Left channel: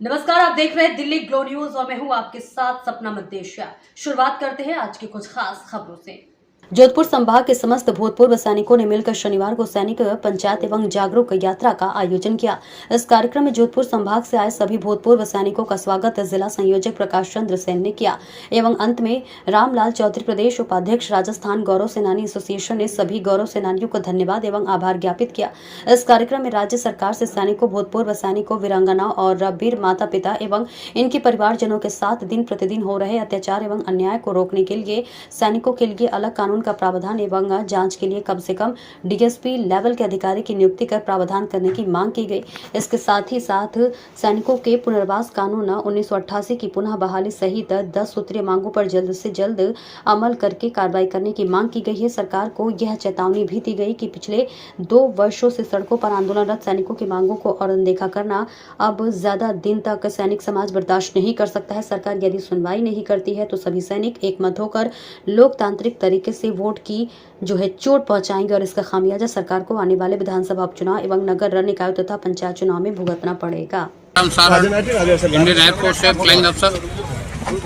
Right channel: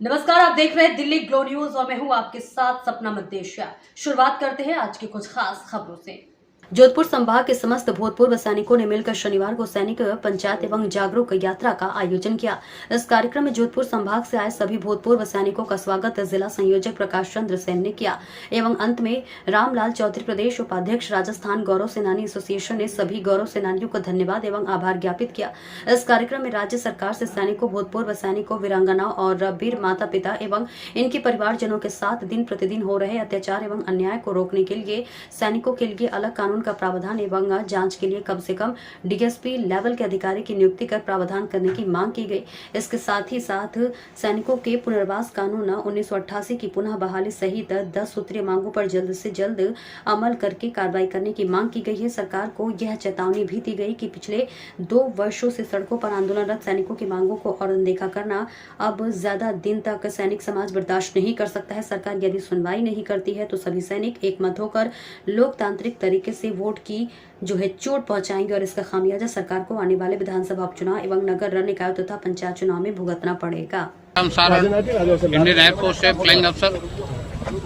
नमस्कार, आप देख रहे हैं दिल्ली ग्लो न्यूज और मैं हूं आपके साथ सपना मद्देशिया। शुरुआत करते हैं आज की कुछ खास खबरों से। जोधपुर संभाग के समस्त भूतपूर्व सैनिकों ने मिलकर शनिवार को सैनिक पंचायत एवं जागरूक यात्रा का आयोजन किया। इस कार्यक्रम में जोधपुर संभाग से आए सभी भूतपूर्व सैनिकों का स्वागत जिला संयोजक प्रकाश चंद्र सेन ने किया एवं अंत में रामलाल चौधरी, प्रदेश उपाध्यक्ष राजस्थान गौरव सेनानी एसोसिएशन ने सभी गौरव सेनानियों को धन्यवाद एवं आभार ज्ञापित किया। इस कार्यक्रम में राज्य सरकार से सैनिकों, भूतपूर्व सैनिकों, वीरांगनाओं और वीर माता पिता एवं इनके परिवारजनों के साथ दिन प्रतिदिन हो रहे अत्याचार एवं अन्याय को रोकने के लिए सैनिकों के लिए अलग कानून का प्रावधान एवं जांच के लिए कम से कम डीएसपी लेवल के अधिकारी की नियुक्ति कर प्रावधान करने की मांग की गई। इसके साथ ही साथ सैनिकों के पुनर्वास कानून 1988 की पुनः बहाली सहित 10 सूत्रीय मांगों पर जल्द से जल्द अमल करके कार्रवाई करने की मांग की गई है। सरकार को यह चेतावनी भी दी गई कि पिछले 2 वर्षों से सड़कों पर आंदोलनरत सैनिकों की मांगों को और अनदेखा करना अब ज्यादा दिन तक सैनिक समाज बर्दाश्त नहीं कर सकता है। सरकार यदि सुनवाई नहीं करती है तो सभी सैनिक एकमत होकर लोकतांत्रिक तरीके से वोट की जो है चोट पहुंचाएंगे और इसका खामियाजा सरकार को आने वाले विधानसभा उपचुनाव एवं नगर निकाय तथा पंचायत चुनाव में भुगतना पड़ेगा। इंडियन एयरफोर्स से फ्लाइंग अफसर,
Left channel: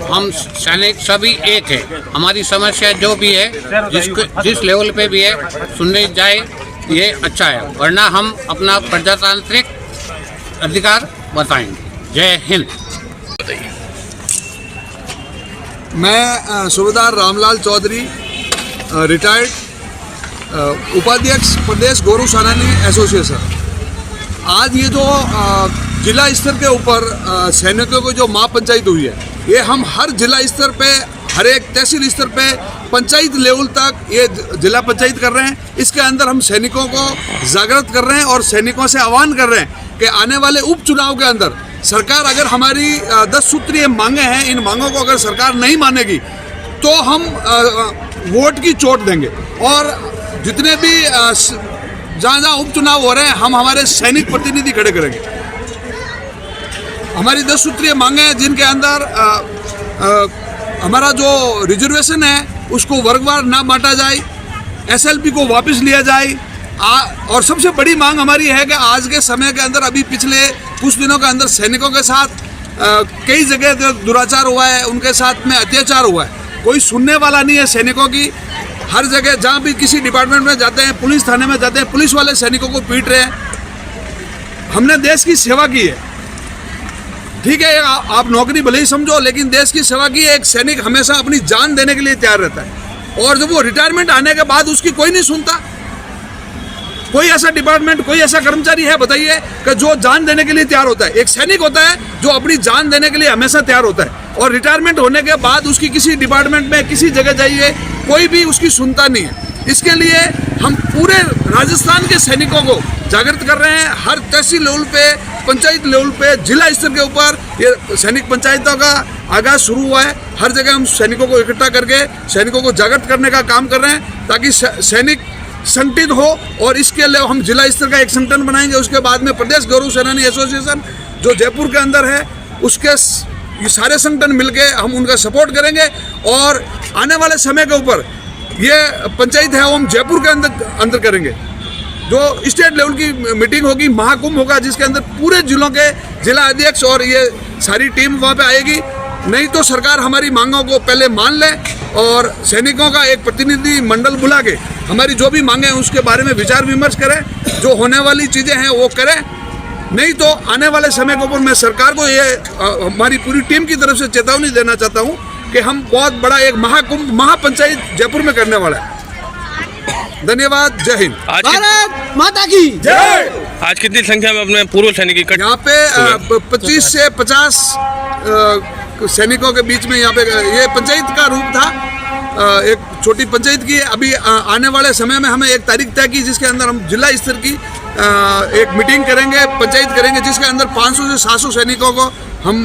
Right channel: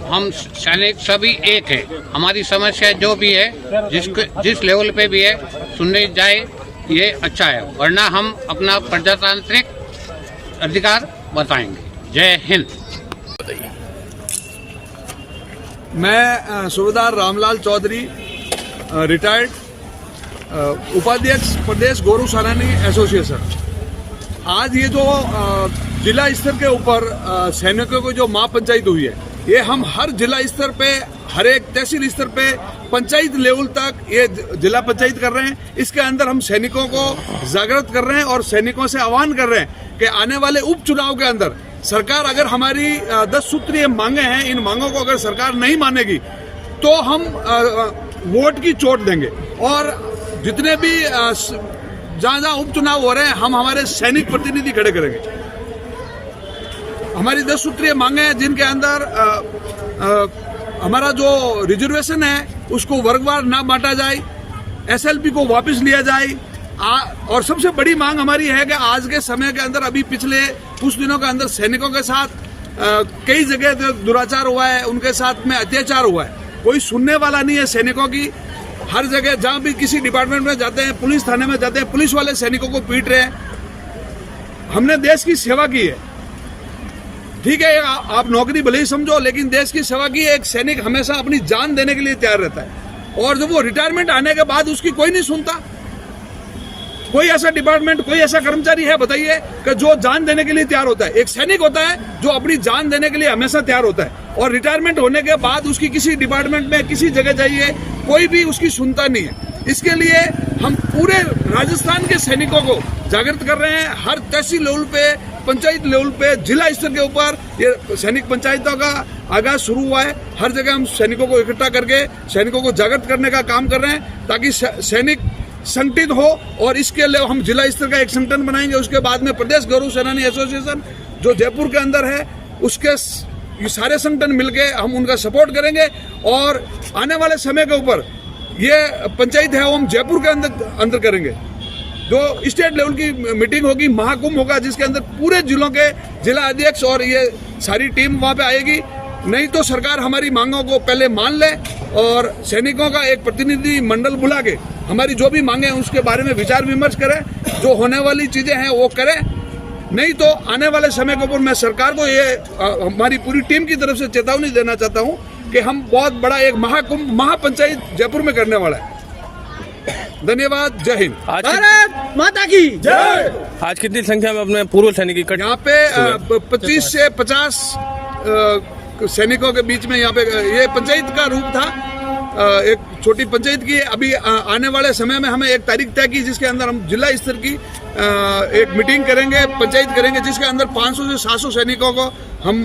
हम सैनिक सभी एक है। हमारी समस्या जो भी है, जिस लेवल पे भी है, सुनने जाए ये अच्छा है, वरना हम अपना प्रजातांत्रिक अधिकार बताएंगे। जय हिंद। मैं सूबेदार रामलाल चौधरी, रिटायर्ड उपाध्यक्ष प्रदेश गौरव सेनानी एसोसिएशन। आज ये जो जिला स्तर के ऊपर सैनिकों की जो महापंचायत हुई है, ये हम हर जिला स्तर पे, हर एक तहसील स्तर पे, पंचायत लेवल तक ये जिला पंचायत कर रहे हैं। इसके अंदर हम सैनिकों को जागृत कर रहे हैं और सैनिकों से आह्वान कर रहे हैं कि आने वाले उपचुनाव के अंदर सरकार अगर हमारी 10 सूत्रीय मांगे हैं, इन मांगों को अगर सरकार नहीं मानेगी तो हम वोट की चोट देंगे। और जितने भी जहाँ उपचुनाव हो रहे हैं, हम हमारे सैनिक प्रतिनिधि खड़े करेंगे। हमारी 10 सूत्रीय मांगे हैं जिनके अंदर हमारा जो रिजर्वेशन है उसको वर्गवार ना बांटा जाए, एसएलपी को वापस लिया जाए। और सबसे बड़ी मांग हमारी है कि आज के समय के अंदर, अभी पिछले कुछ दिनों के अंदर सैनिकों के साथ कई जगह दुराचार हुआ है, उनके साथ में अत्याचार हुआ है। कोई सुनने वाला नहीं है सैनिकों की। हर जगह जहाँ भी किसी डिपार्टमेंट में जाते हैं, पुलिस थाने में जाते हैं, पुलिस वाले सैनिकों को पीट रहे हैं। हमने देश की सेवा की है, ठीक है, आप नौकरी भले ही समझो, लेकिन देश की सेवा की है। एक सैनिक हमेशा अपनी जान देने के लिए तैयार रहता है और जब वो रिटायरमेंट आने के बाद उसकी कोई नहीं सुनता। कोई ऐसा डिपार्टमेंट, कोई ऐसा कर्मचारी है बताइए कि जो जान देने के लिए तैयार होता है? एक सैनिक होता है जो अपनी जान देने के लिए हमेशा तैयार होता है, और रिटायरमेंट होने के बाद उसकी किसी डिपार्टमेंट में, किसी जगह जाइए, कोई भी उसकी सुनता नहीं है। इसके लिए हम पूरे राजस्थान के सैनिकों को जागृत कर रहे हैं। हर तहसील लेवल पे, पंचायत लेवल पे, जिला स्तर के ऊपर ये सैनिक पंचायतों का आगाज शुरू हुआ है। हर जगह हम सैनिकों को इकट्ठा करके सैनिकों को जागृत करने का काम कर रहे हैं ताकि सैनिक संगठित हो। और इसके लिए हम जिला स्तर का एक संगठन बनाएंगे। उसके बाद में प्रदेश गौरव सेनानी एसोसिएशन जो जयपुर के अंदर है, उसके ये सारे संगठन मिलके हम उनका सपोर्ट करेंगे। और आने वाले समय के ऊपर ये पंचायत है वो हम जयपुर के अंदर करेंगे। जो स्टेट लेवल की मीटिंग होगी, महाकुंभ होगा, जिसके अंदर पूरे जिलों के जिला अध्यक्ष और ये सारी टीम वहाँ पे आएगी। नहीं तो सरकार हमारी मांगों को पहले मान ले और सैनिकों का एक प्रतिनिधि मंडल बुला के हमारी जो भी मांगे हैं उसके बारे में विचार विमर्श करें। जो होने वाली चीज़ें हैं वो करें। नहीं तो आने वाले समय के ऊपर मैं सरकार को ये हमारी पूरी टीम की तरफ से चेतावनी देना चाहता हूँ कि हम बहुत बड़ा एक महाकुंभ, महापंचायत जयपुर में करने वाला है। धन्यवाद। जय हिंद। भारत माता की जय। आज कितनी संख्या में अपने पूर्व सैनिक इकट्ठे? यहाँ पे 25 से 50 सैनिकों के बीच में यहाँ पे ये पंचायत का रूप था, एक छोटी पंचायत की। अभी आने वाले समय में हमें एक तारीख तय की जिसके अंदर हम जिला स्तर की एक मीटिंग करेंगे, पंचायत करेंगे, जिसके अंदर 500 से 700 सैनिकों को हम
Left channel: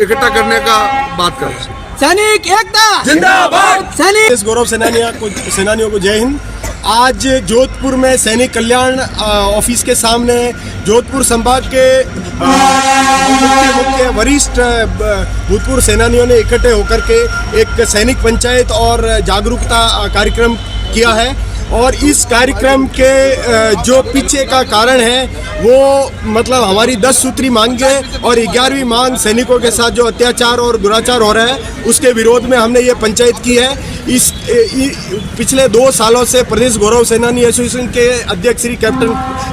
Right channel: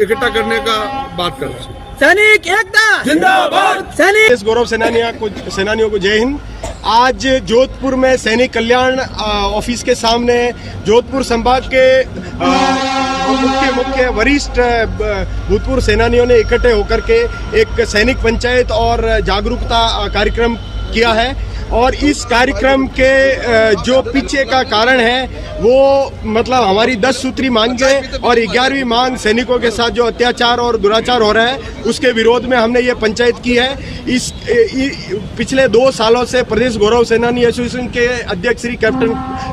इकट्ठा करने का बात कर रहे हैं। सैनिक एकता जिंदाबाद। सैनिक गौरव सेनानियों को जय हिंद। आज जोधपुर में सैनिक कल्याण ऑफिस के सामने जोधपुर संभाग के मुख्य वरिष्ठ भूतपूर्व सेनानियों ने इकट्ठे होकर के एक सैनिक पंचायत और जागरूकता कार्यक्रम किया है। और इस कार्यक्रम के जो पीछे का कारण है वो मतलब हमारी 10 सूत्री मांगें और 11वीं मांग सैनिकों के साथ जो अत्याचार और दुराचार हो रहा है उसके विरोध में हमने ये पंचायत की है। पिछले 2 सालों से प्रदेश गौरव सेनानी एसोसिएशन के अध्यक्ष श्री कैप्टन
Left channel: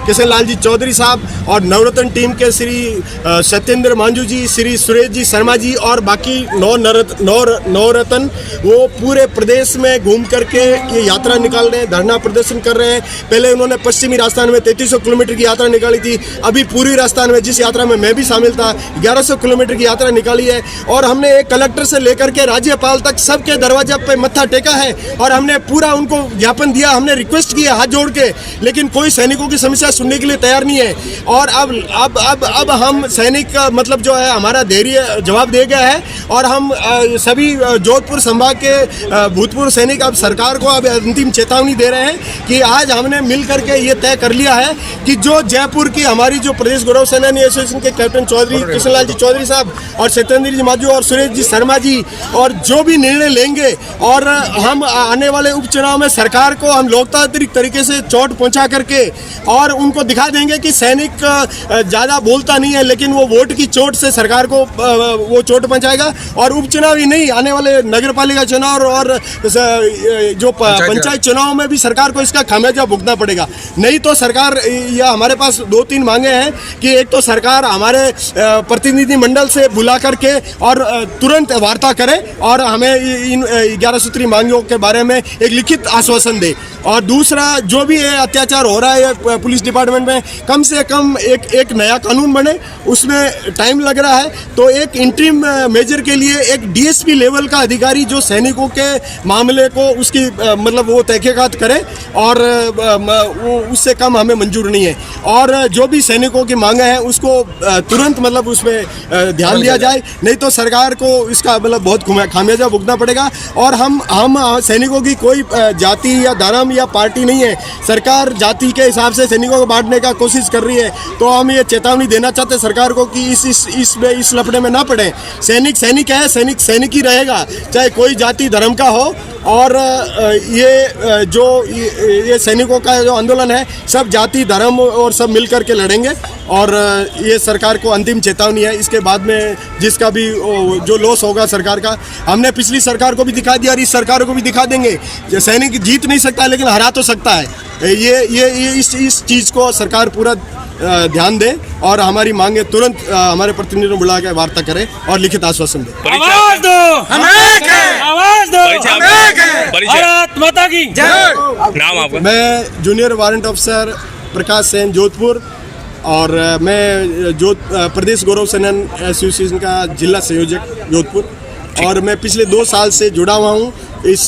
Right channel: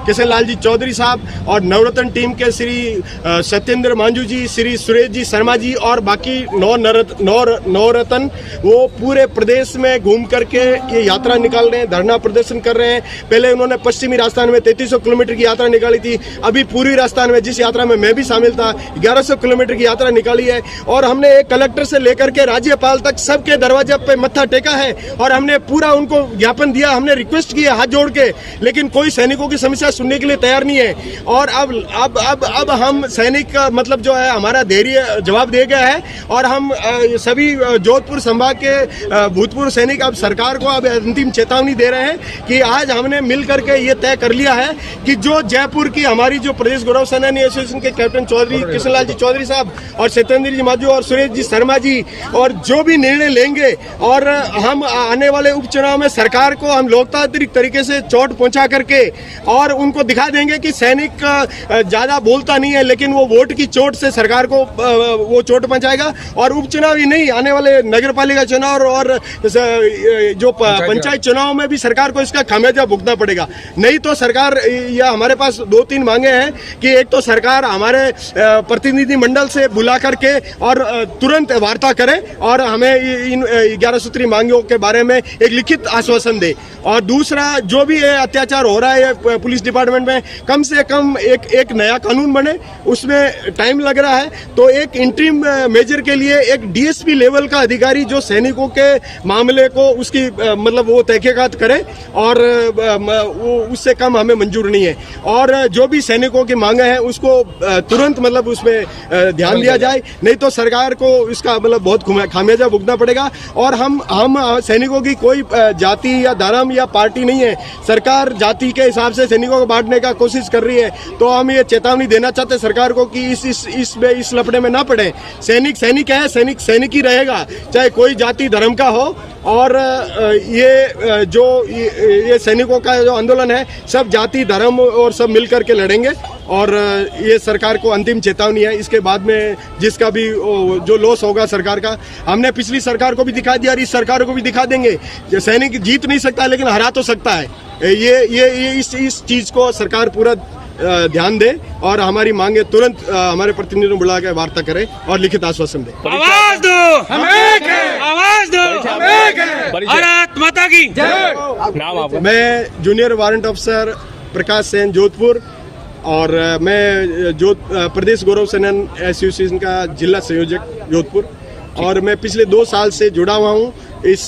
किशन लाल जी चौधरी साहब और नवरत्न टीम के श्री सत्येंद्र मांझू जी, श्री सुरेश जी शर्मा जी और बाकी नवरत्न वो पूरे प्रदेश में घूम करके ये यात्रा निकाल रहे हैं, धरना प्रदर्शन कर रहे हैं। पहले उन्होंने पश्चिमी राजस्थान में 3300 किलोमीटर की यात्रा निकाली थी, अभी पूर्वी राजस्थान में जिस यात्रा में मैं भी शामिल था 1100 किलोमीटर की यात्रा निकाली है। और हमने एक कलेक्टर से लेकर के राज्यपाल तक सबके दरवाजे पे मत्था टेका है और हमने पूरा उनको ज्ञापन दिया, हमने रिक्वेस्ट की है हाथ जोड़ के, लेकिन कोई सैनिकों की समस्या सुनने के लिए तैयार नहीं है। और अब हम सैनिक मतलब जो है हमारा धैर्य जवाब दे गया है और हम सभी जोधपुर संभाग के भूतपूर्व सैनिक अब सरकार को अब अंतिम चेतावनी दे रहे हैं कि आज हमने मिल करके ये तय कर लिया है कि जो जयपुर की हमारी जो प्रदेश गौरव सेनानी एसोसिएशन के कैप्टन चौधरी किशन लाल जी चौधरी साहब और सत्येंद्र जी मांझू और सुरेश जी शर्मा जी और जो भी निर्णय लेंगे और हम आने वाले उपचुनाव में सरकार को हम लोकतांत्रिक तरीके से चोट पहुंचा करके और उनको दिखा देंगे कि सैनिक ज़्यादा बोलता नहीं है लेकिन वो वोट की चोट से सरकार को वो चोट पहुंचाएगा। और उपचुनाव ही नहीं, आने वाले नगरपालिका चुनाव और जो पंचायत चुनाव में भी सरकार को इसका खामियाजा भुगतना पड़ेगा। नहीं तो सरकार या हमारे पास 2-3 मांगे हैं कि एक तो सरकार हमारे प्रतिनिधि मंडल से बुला करके और तुरंत वार्ता करे और हमें इन 11 सूत्री मांगों के बारे में एक लिखित आश्वासन दे। और दूसरा जो भी है अत्याचार हो रहा है पुलिस डिपार्टमेंट में, कम से कम एक नया कानून बने, उसमें टाइम लग रहा है तो एक इंटरिम मेजर के लिए एक डीएसपी लेवल का अधिकारी जो सैनिकों के मामले को उसकी मतलब वो तहकीकात करे और वो उससे कम हमें मंजूर नहीं है। और जो भी सैनिकों की मांगे हैं उसको तुरंत मतलब उसमें ध्यान दिया जाए, नहीं तो सरकार को इसका मतलब बहुत खामियाजा भुगतना पड़ेगा। और हम सैनिकों की कोई जाति या धर्म या पार्टी नहीं है, सरकार जाति के हिसाब से सैनिकों को बांटने का कोशिश कर रही है। तो हम ये चेतावनी देना चाहते हैं सरकार को कि इस लफड़े में ना पड़े। सैनिक सैनिक है, सैनिक सैनिक ही रहेगा, चाहे कोई जाति धर्म का हो। और ये सैनिकों का जो आंदोलन है सब जाति धर्म और सब मिलकर के लड़ेंगे। और ये सरकार को अंतिम चेतावनी है, इसके बाद में जिसका भी जो लॉस होगा सरकार का, हमने पिछली सरकार को भी दिखा दिया और इस सरकार को भी दिखा देंगे। सैनिक जीत नहीं सकता लेकिन हरा तो सकता है। ये इस चीज़ को सरकार पूरा ध्यान दे और हमारी मांगे तुरंत हमारे प्रतिनिधियों को बुला के वार्ता करे और लिखित आश्वासन दे। आवाज दो, हम एक हैं। आवाज दो, हम एक हैं। भारत माता की जय। नाम आपका? मैं जूनियर वारंट अफसर प्रकाश सेन जोधपुर और मैं प्रदेश गौरव सेनानी एसोसिएशन का जिला संयोजक जोधपुर और मैं पिछले 2 साल से जुड़ा हुआ हूँ इस